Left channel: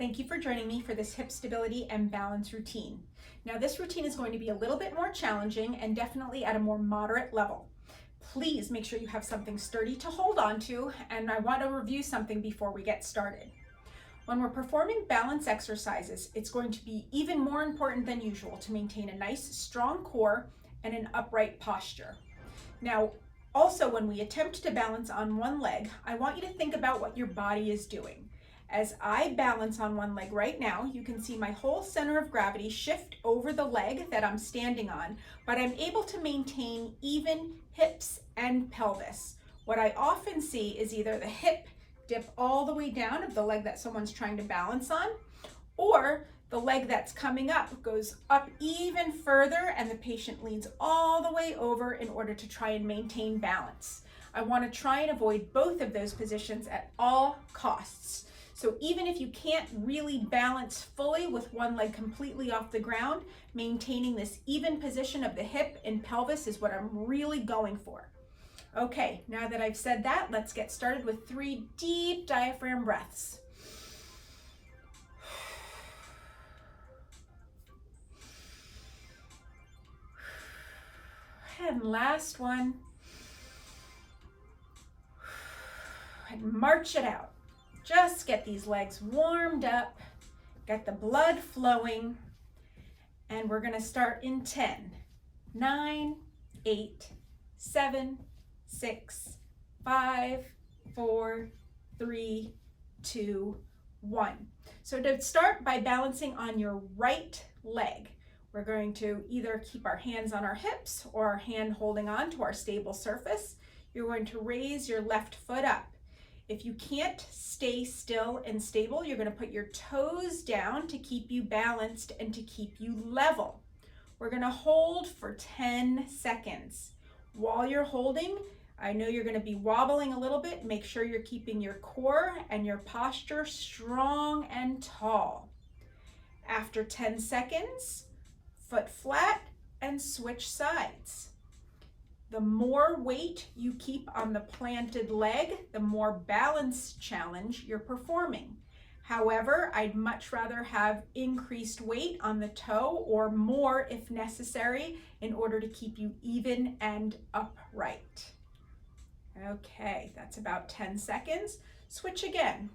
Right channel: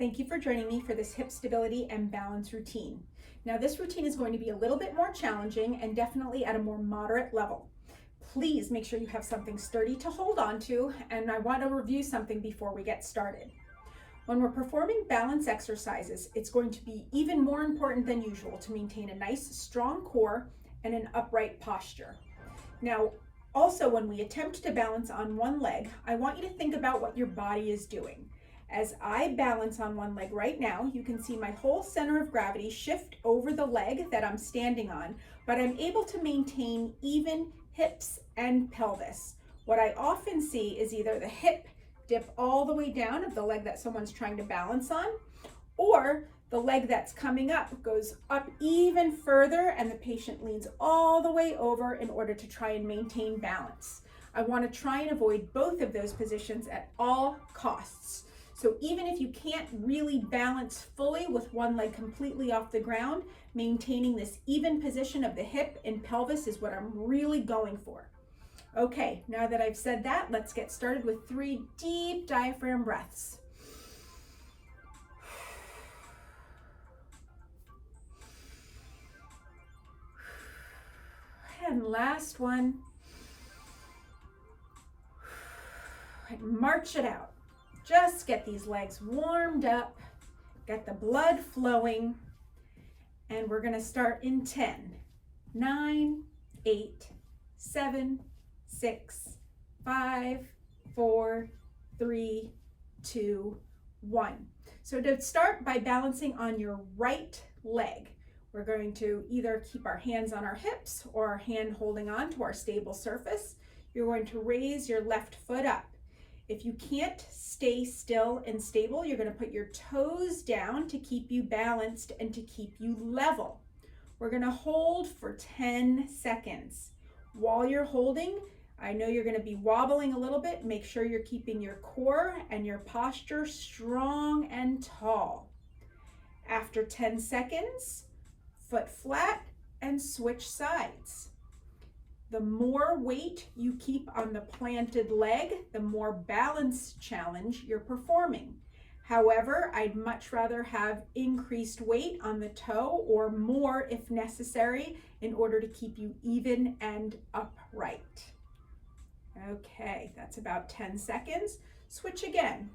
Thank you for joining me for this hip stability and balance routine. Now this routine is going to be a little bit more challenging and definitely at a more moderate level. Please make sure you have something sturdy to hold on to, and I want to review something before we get started. When we're performing balance exercises, it's going to be even more important than usual to maintain a nice strong core and an upright posture. Now, also when we attempt to balance on one leg, I want you to think about what your body is doing. As I balance on one leg right now, you can see my whole center of gravity shift over the leg that I'm standing on, but I'm able to maintain even hips and pelvis. What I often see is either the hip dip all the way down of the leg that someone's trying to balance on, or the leg that's coming up goes up even further and the patient leans all the way over in order to try and maintain balance. I want to try and avoid both of those positions at all costs. So even if you can't really balance fully with one leg completely off the ground, maintaining this even position of the hip and pelvis is what I'm really going for. Okay, now that I've said that, let's get started with 3 deep diaphragm breaths. And last one. And march it out. Just get these legs warmed up, get the blood flowing, and we're going to start in 10, 9, 8, 7, 6, 5, 4, 3, 2, 1. So to start by balancing on your right leg, we're going to either keep our hands on our hips or our hand holding on to our stable surface. You're going to raise your left foot up. If you can't stay still and stable, you're going to put your toes down to keep you balanced and to keep you level. We're going to hold for 10 seconds. While you're holding, I know you're going to be wobbling a little bit. Make sure you're keeping your core and your posture strong and tall. After 10 seconds, foot flat and switch sides. The more weight you keep on the planted leg, the more balance challenge you're performing. However, I'd much rather have increased weight on the toe or more if necessary in order to keep you even and upright. Okay, that's about 10 seconds. Switch again.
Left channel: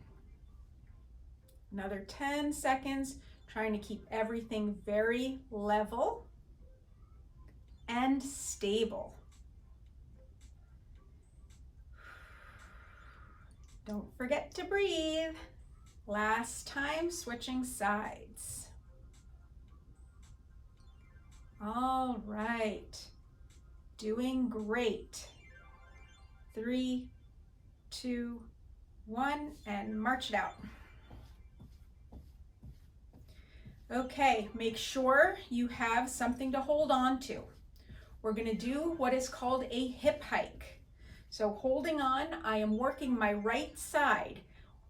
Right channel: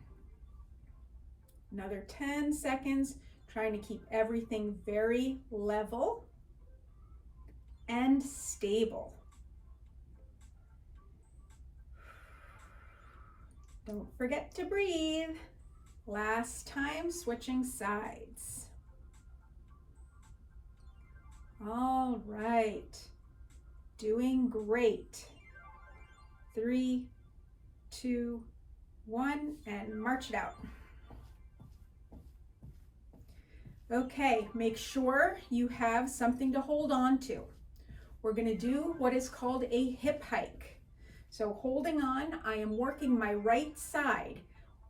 Another 10 seconds, trying to keep everything very level and stable. Don't forget to breathe. Last time, switching sides. All right, doing great. 3, 2, 1, and march it out. Okay, make sure you have something to hold on to. We're going to do what is called a hip hike. So holding on, I am working my right side.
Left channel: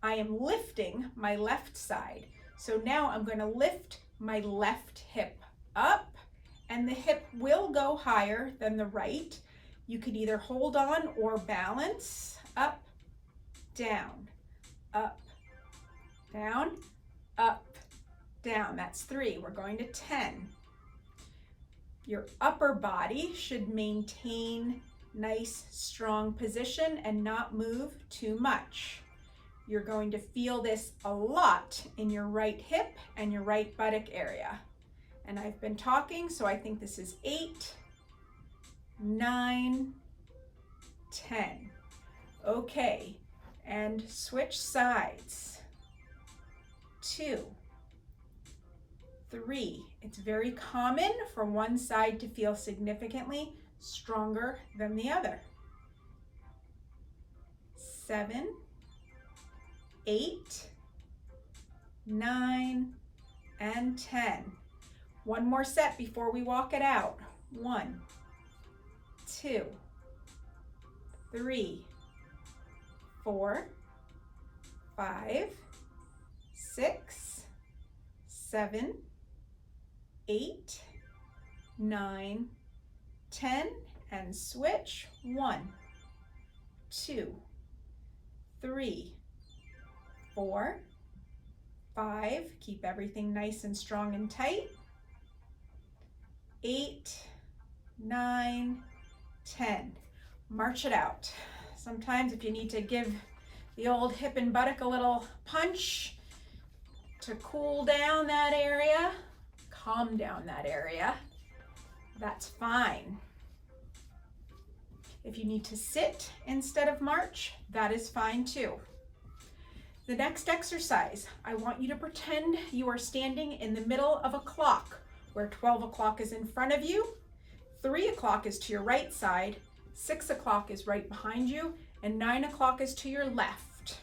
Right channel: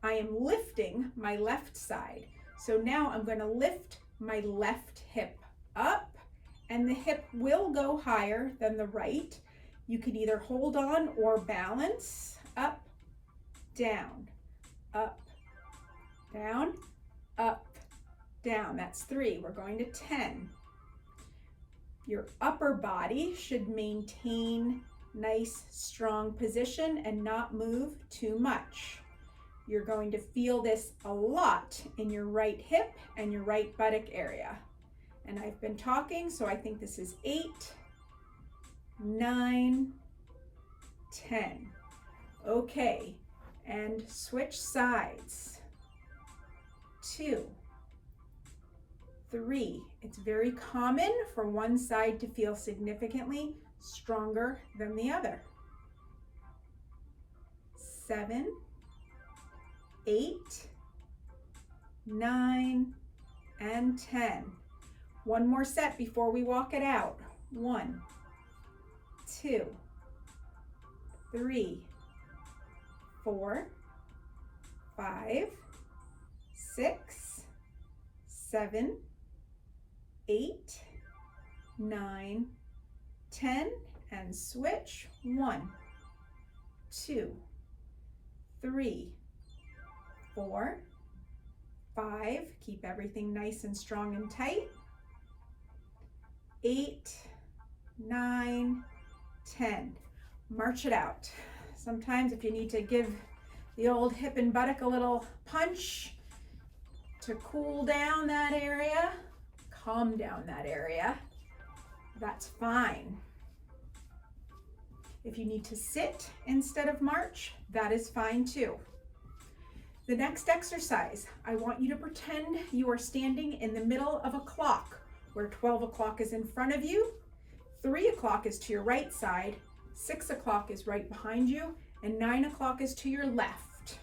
I am lifting my left side. So now I'm going to lift my left hip up, and the hip will go higher than the right. You can either hold on or balance. Up, down, up, down, up, down. That's 3. We're going to 10. Your upper body should maintain nice, strong position and not move too much. You're going to feel this a lot in your right hip and your right buttock area. And I've been talking, so I think this is 8, 9, 10. Okay, and switch sides. 2, 3. It's very common for one side to feel significantly stronger than the other. 7, 8, 9, and 10. One more set before we walk it out. 1, 2, 3, 4, 5, 6, 7, 8, 9, 10, and switch. 1, 2, 3, 4, 5, keep everything nice and strong and tight. 8, 9, 10. March it out. Sometimes if you need to give the old hip and buttock a little punch to cool down that area, calm down that area, that's fine. If you need to sit instead of march, that is fine too. The next exercise, I want you to pretend you are standing in the middle of a clock where 12 o'clock is in front of you, 3 o'clock is to your right side, 6 o'clock is right behind you, and 9 o'clock is to your left.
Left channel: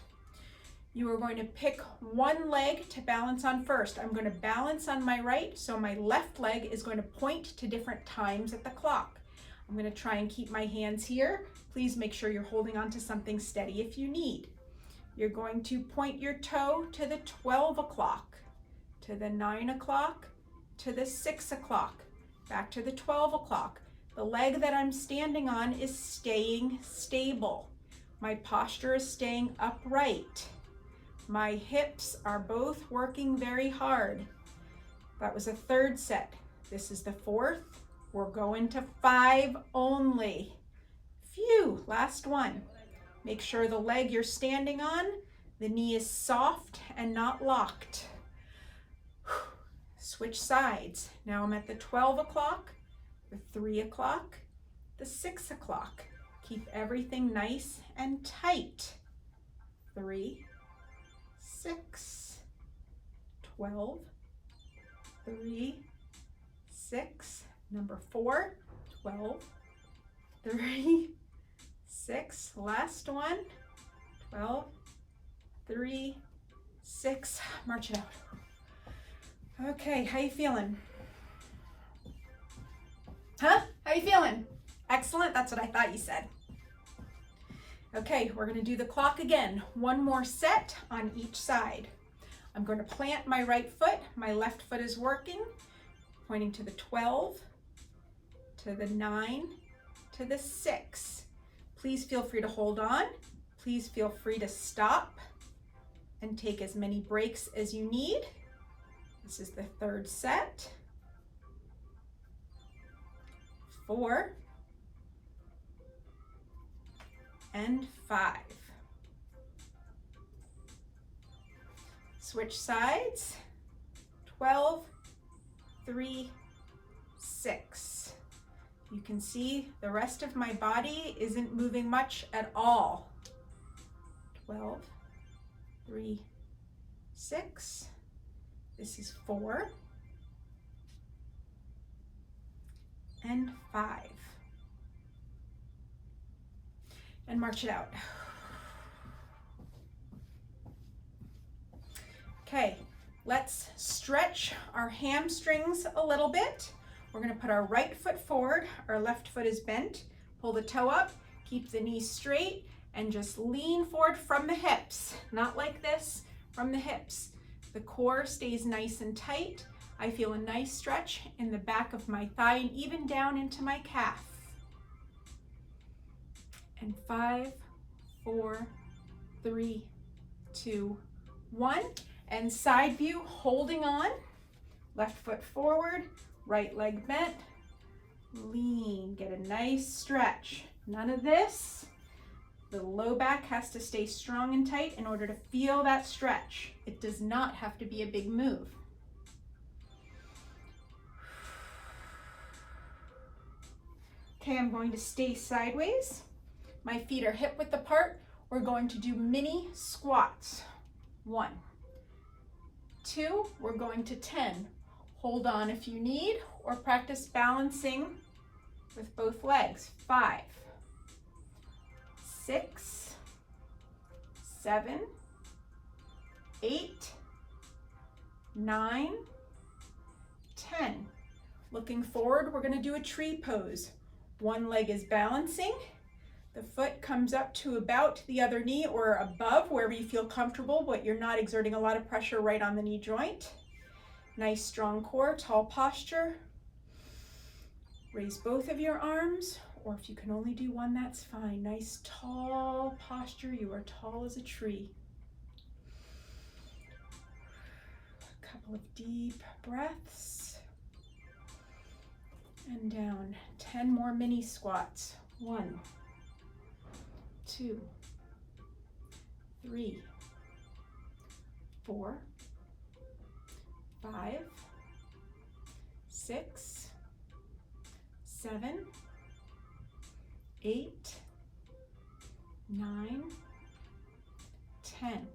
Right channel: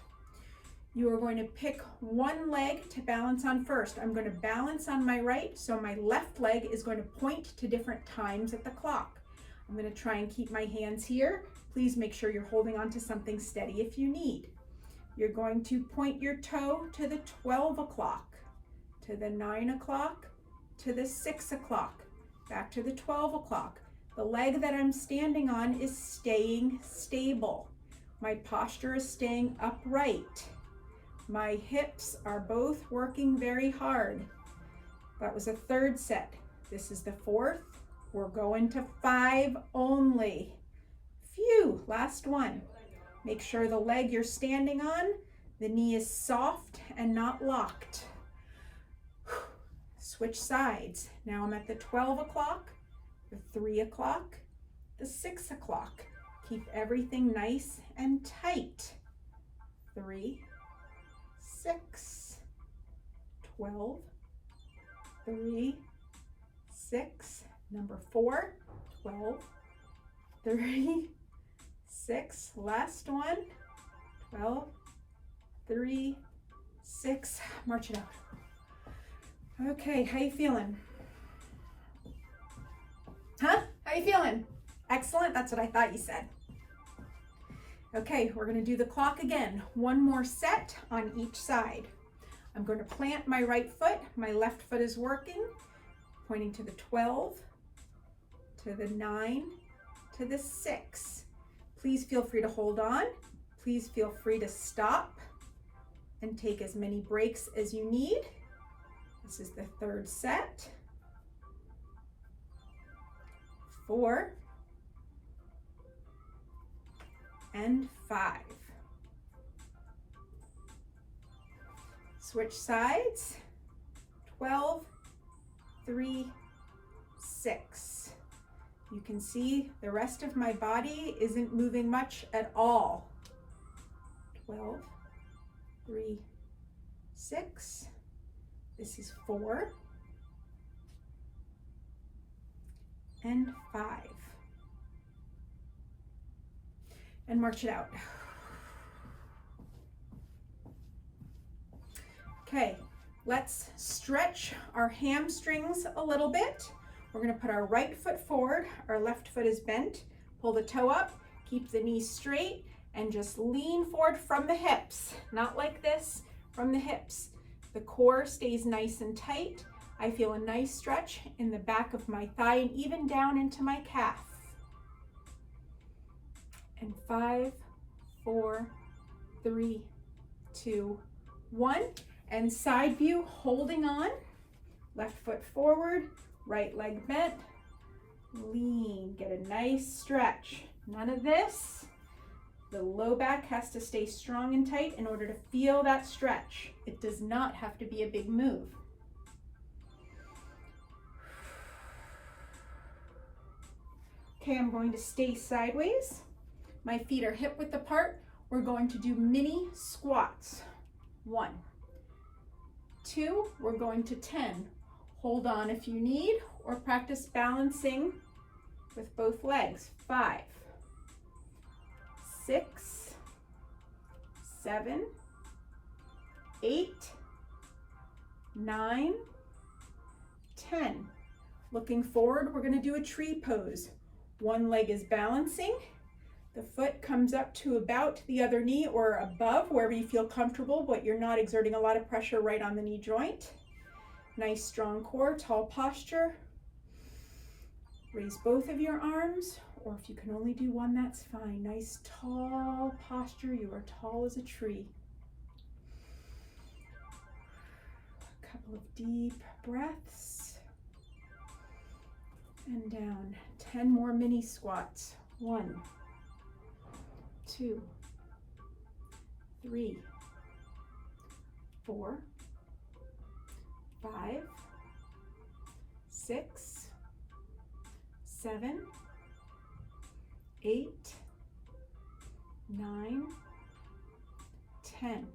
You are going to pick one leg to balance on first. I'm going to balance on my right, so my left leg is going to point to different times at the clock. I'm going to try and keep my hands here. Please make sure you're holding on to something steady if you need. You're going to point your toe to the 12 o'clock, to the 9 o'clock, to the 6 o'clock, back to the 12 o'clock. The leg that I'm standing on is staying stable. My posture is staying upright. My hips are both working very hard. That was a third set. This is the fourth. We're going to 5 only. Phew, last one. Make sure the leg you're standing on, the knee is soft and not locked. Switch sides. Now I'm at the 12 o'clock, the 3 o'clock, the 6 o'clock. Keep everything nice and tight. 3, 6, 12, 3, 6, number 4, 12, 3, 6, last one, 12, 3, 6, march it out. Okay, how you feeling? Huh? How you feeling? Excellent, that's what I thought you said. Okay, we're gonna do the clock again. One more set on each side. I'm going to plant my right foot, my left foot is working, pointing to the 12, to the 9, to the 6. Please feel free to hold on. Please feel free to stop and take as many breaks as you need. This is the third set. 4 and 5. Switch sides. 12, 3, 6. You can see the rest of my body isn't moving much at all. 12, 3, 6. This is 4 and 5. And march it out. Okay, let's stretch our hamstrings a little bit. We're going to put our right foot forward, our left foot is bent, pull the toe up, keep the knees straight, and just lean forward from the hips. Not like this, from the hips. The core stays nice and tight. I feel a nice stretch in the back of my thigh and even down into my calf. And 5, 4, 3, 2, 1. And side view, holding on. Left foot forward, right leg bent. Lean, get a nice stretch. None of this. The low back has to stay strong and tight in order to feel that stretch. It does not have to be a big move. Okay, I'm going to stay sideways. My feet are hip width apart. We're going to do mini squats. 1, 2, we're going to 10. Hold on if you need, or practice balancing with both legs. 5, 6, 7, 8, 9, 10. Looking forward, we're going to do a tree pose. One leg is balancing. The foot comes up to about the other knee or above, wherever you feel comfortable, but you're not exerting a lot of pressure right on the knee joint. Nice strong core, tall posture. Raise both of your arms, or if you can only do one, that's fine. Nice tall posture. You are tall as a tree. Couple of deep breaths. And down. 10 more mini squats. 1, 2, 3, 4, 5, 6, 7, 8, 9, 10.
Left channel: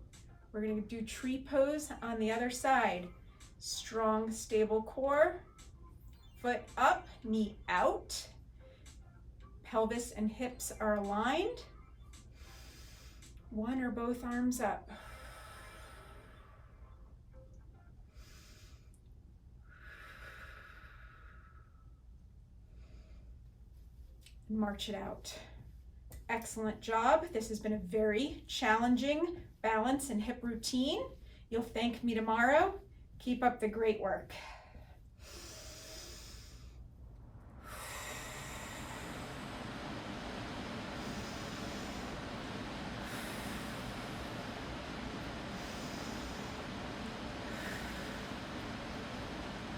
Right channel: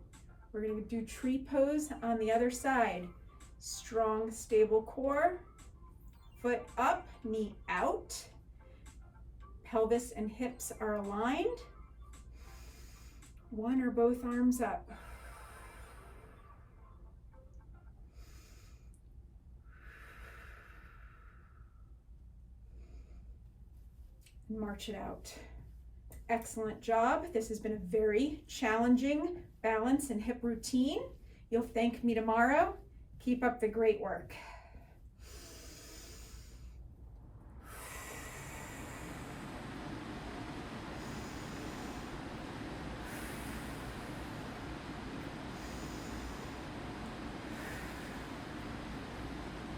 We're going to do tree pose on the other side. Strong, stable core. Foot up, knee out. Pelvis and hips are aligned. One or both arms up. March it out. Excellent job. This has been a very challenging balance and hip routine. You'll thank me tomorrow. Keep up the great work.